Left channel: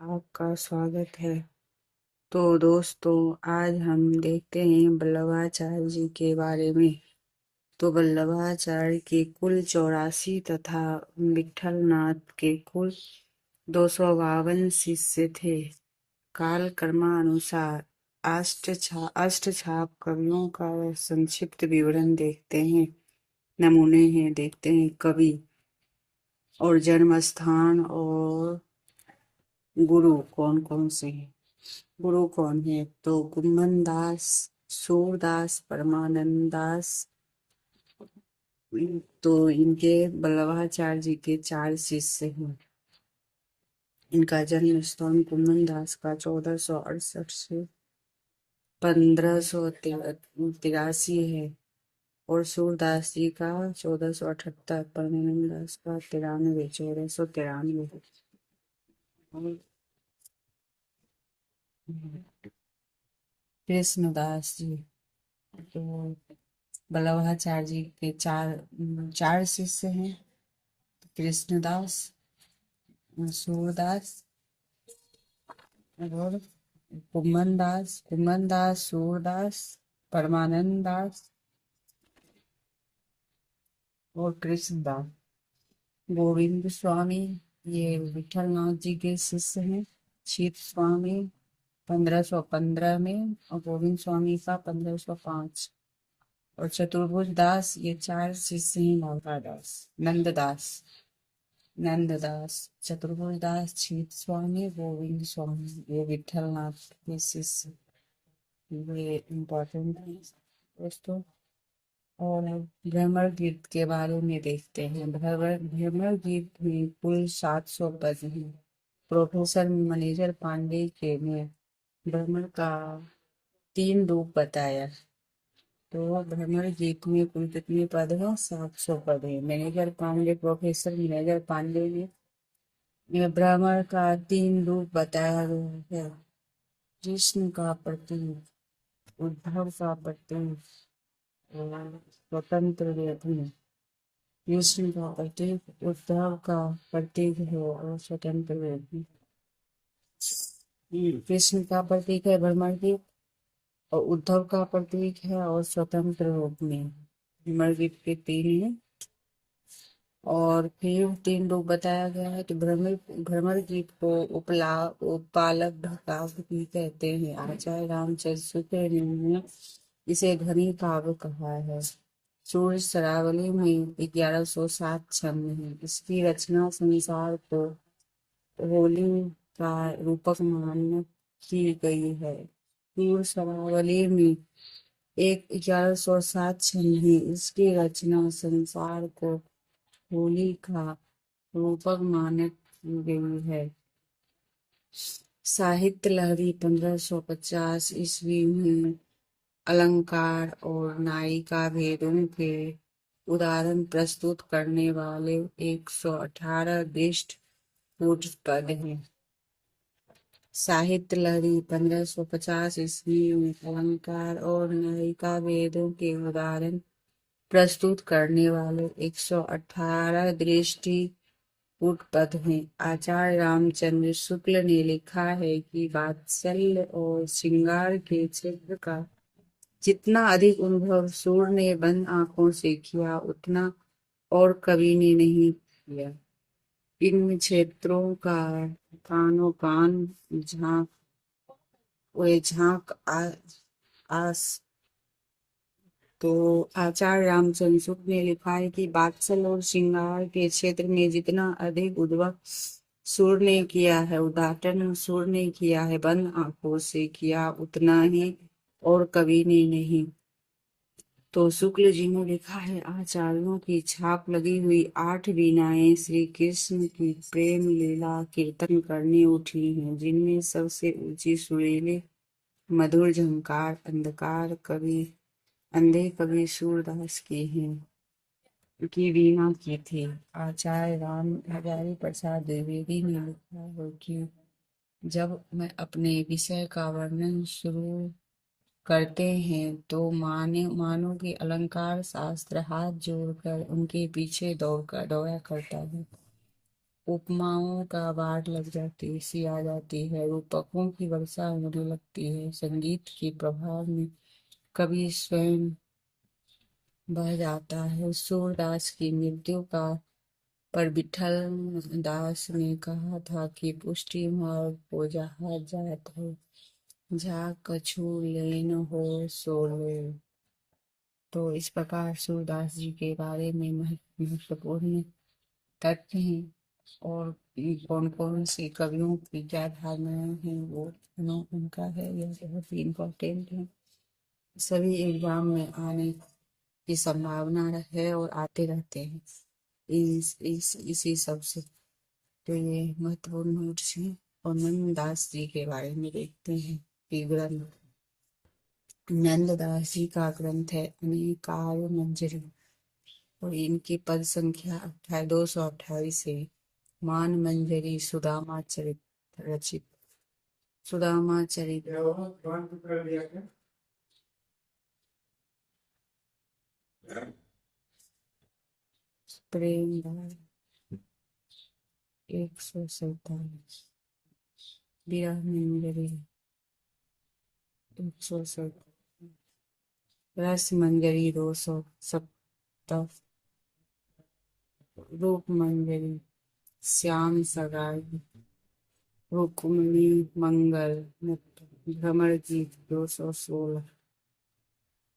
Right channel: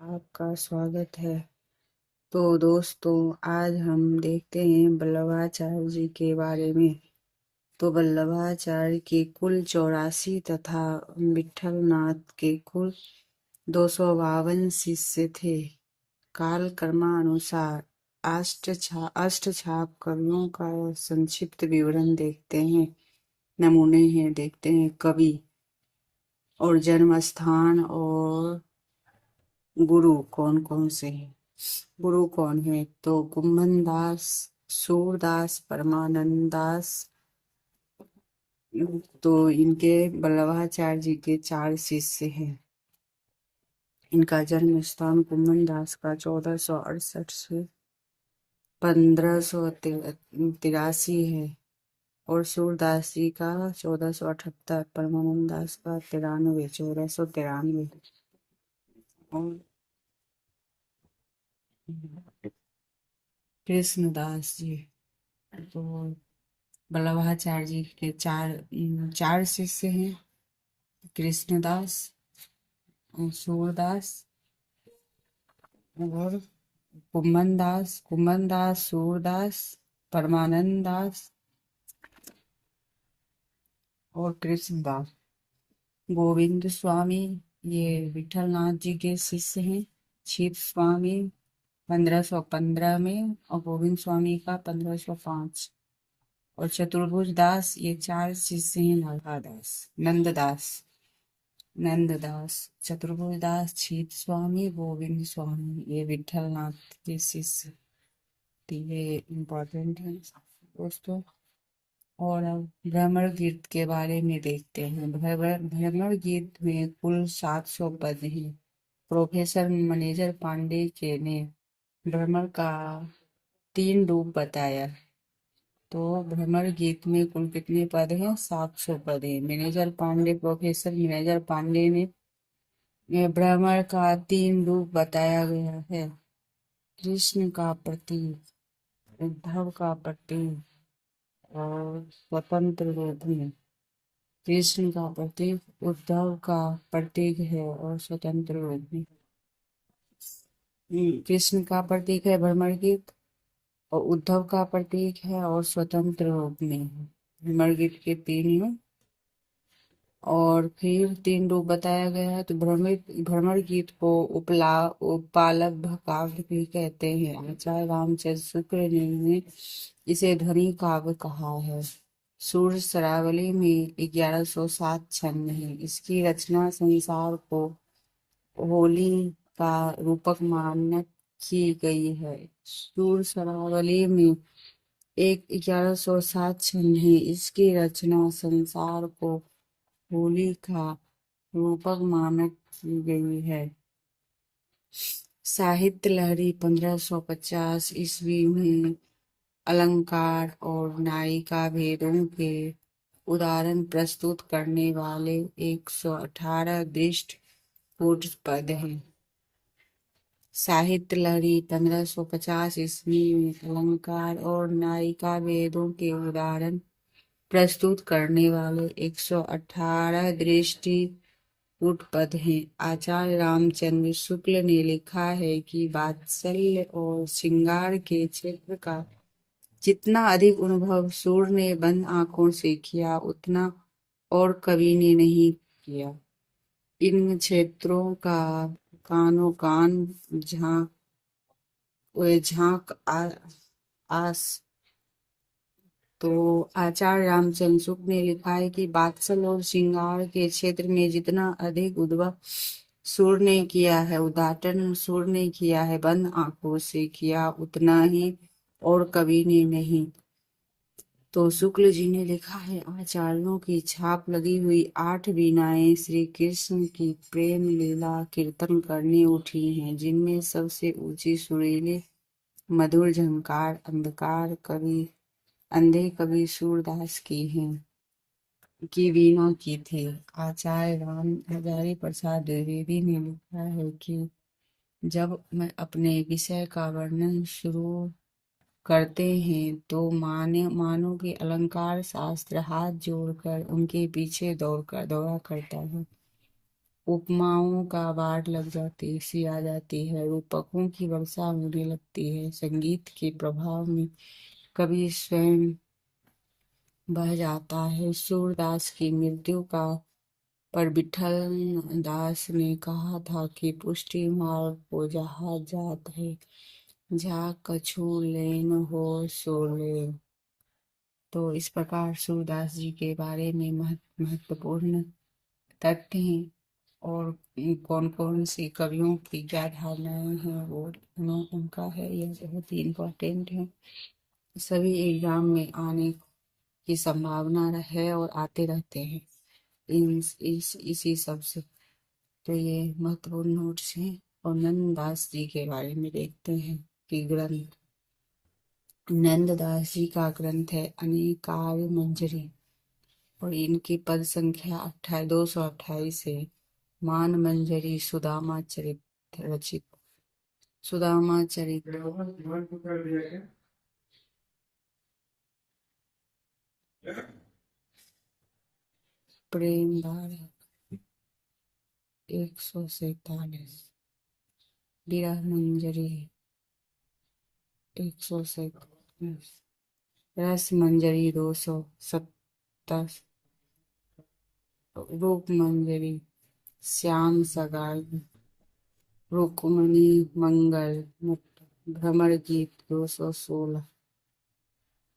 आपका स्वागत है। तो दोस्तों, आज हम देखते हैं वल्लभाचार्य जी के बारे में। तो वल्लभाचार्य के कुल 84 तथा विठल नाथ के कुल 252 शिष्य थे। काल क्रमानुसार अष्टछाप कवियों का संक्षिप्त विवरण देखते हैं। नमूने हैं, देखते हैं कवि और जन्म स्थान और गुरु कौन कौन से हैं। गुरु कौन है? तो कुंभन दास, सूरदास, परमानंद दास। तो इनके वल्लभाचार्य जी के 4 शिष्य हैं। इनका जन्म स्थान कुंभन दास का 1468 से 1583 है और सूरदास जी का 1478, परमानंद दास का 93, 1493। और कृष्णदास जी, तो वल्लभाचार्य जी के चार शिष्य हैं। कृष्णदास, सूरदास और कुम्भन दास, सूरदास, परमानंद दास और कृष्णदास। गोविंद स्वामी ये विठल नाथ जी के शिष्य हैं। छित स्वामी 1515 में और गोविंद स्वामी का 1505। और चतुर्भुज दास ये 4 शिष्य हैं। नंददास, चतुर्भुज दास, छीत स्वामी, गोविंद स्वामी, ये विठल नाथ के शिष्य। तो ये इम्पोर्टेंट है दोस्तों। और अब भ्रमर गीत के बारे में देखते हैं। भ्रमर गीत में कुल 700 पद हैं। प्रोफेसर मनेजर पांडे के ने भ्रमर का 3 रूप बताया। तो भ्रमर गीत में कुल कितने पद हैं? 700 पद हैं। प्रोफेसर मैनेजर पांडे ने यह भ्रमर का 3 रूप बताया गया है। कृष्ण का प्रतीक, उद्धव का प्रतीक और स्वतंत्र रूप में। कृष्ण का प्रतीक उद्धव का प्रतीक है और स्वतंत्र रूप में। कृष्ण का प्रतीक है भ्रमर गीत और उद्धव का प्रतीक है और स्वतंत्र रूप में। भ्रमर गीत के 3 हैं और फिर 3 रूप बताया गया है। तो भ्रमर गीत को उपालब्ध काव्य भी कहते हैं। आचार्य रामचंद्र शुक्ल ने इसे ध्वनि काव्य कहा है। सूर्य शरावली में 1107 छंद है। इसकी रचना संसार को होली का रूपक मानक की गई है। सूर्य शरावली में 1107 छंद है। इसकी रचना संसार को होली का रूपक मानक की गई है। साहित्य लहरी 1550 ईस्वी में अलंकार और नायिका भेदों के उदाहरण प्रस्तुत करने वाले 118 दृष्ट कूट पद हैं। साहित्य लहरी 1550 ईस्वी में अलंकार और नायिका भेदों के उदाहरण प्रस्तुत करने वाले 118 दृष्टि पद हैं। आचार्य रामचंद्र शुक्ल ने लिखा है कि वात्सल्य और श्रृंगार के क्षेत्र का जितना अधिक अनुभव सूर्य ने बंद आंखों से किया, उतना और कवि ने नहीं किया। इन क्षेत्रों का कानो कान झांक आस। तो आचार्य रामचंद्र शुक्ल ने लिखा है कि वात्सल और श्रृंगार के क्षेत्र में जितना अधिक उद्भव सूर्य ने किया है, उद्घाटन सूर्य ने किया है, बंद आंखों से किया, उतना ही और कवि ने नहीं। तो शुक्ल जी ने लिखा है, आचार्यों की छाप लगी हुई 8 वीणाएं श्री कृष्ण की प्रेम लीला कीर्तन करने उठी हैं, जिनमें सबसे ऊंची सुरीले मधुर झंकार अंधे कवि सूरदास की वीणा की थी। आचार्य राम हजारी प्रसाद द्विवेदी ने लिखा है कि जब मैं अपने विषय का वर्णन शुरू करते हैं तो मानो कि अलंकार शास्त्र हाथ जोड़कर उनके पीछे दौड़ा करता है। उपमाओं का बाढ़ लग जाती सी आ जाती है, रूपकों की वर्षा होने लगती है। संगीत के प्रभाव में कवि स्वयं बह जाता है। सूरदास की मृत्यु का पर विठल दास ने कहा था कि पुष्टि मार्ग को जहाँ जात है, जा कछु लेन हो सो लेन। तो इस प्रकार सूरदास जी के बारे में महत्वपूर्ण तथ्य हैं। और कौन कौन से कवियों की क्या धारणाएं हैं वो उनका है, ये बहुत ही इम्पोर्टेंट है। सभी एग्जाम में आने की संभावना है और आते रहते हैं इसी सब से। तो ये महत्वपूर्ण नोट्स हैं। और नंददास जी के बारे में देखते हैं कि ग्रंथ नंददास जी का ग्रंथ है अनेकाल मंजरी, और इनकी पद संख्या 228 है। मान मंजरी सुदामा चरित रचित। सुदामा चरित प्रेम धारा 147, विरह मंजरी 147, रस मंजरी 270, रूप मंजरी, श्याम सगाई, रुक्मिणी मंगल मुक्त, भ्रमर गीत 216।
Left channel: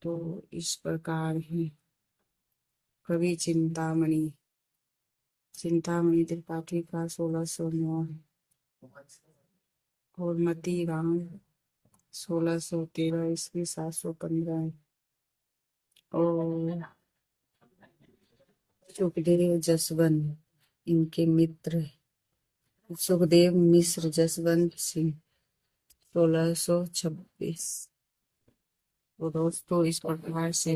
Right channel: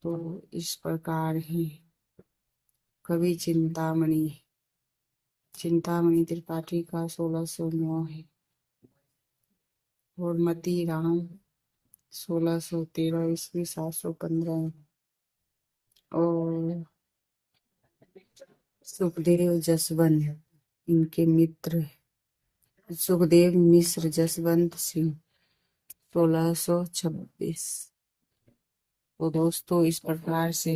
तो इस प्रकार है। कवि चिंतामणि त्रिपाठी का 1609 है। और मती राम 1613 ईस्वी 715 है। और सुखदेव जसवंत इनके मित्र है। सुखदेव मिश्र जसवंत सिंह 1626। तो दोस्तों इस प्रकार से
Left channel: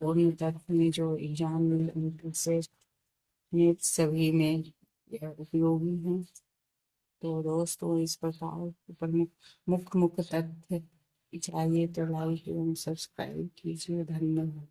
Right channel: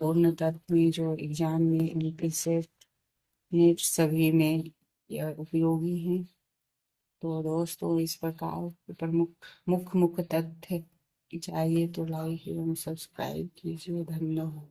पूर्ण तत्व में जो एग्जाम में इनके सेट नेट सभी में यह उपयोगी है। तो दोस्तों इस प्रकार प्रमुख मुख्य तथ्य चाहिए तो लाइक एवं सब्सक्राइब कीजिए। धन्यवाद।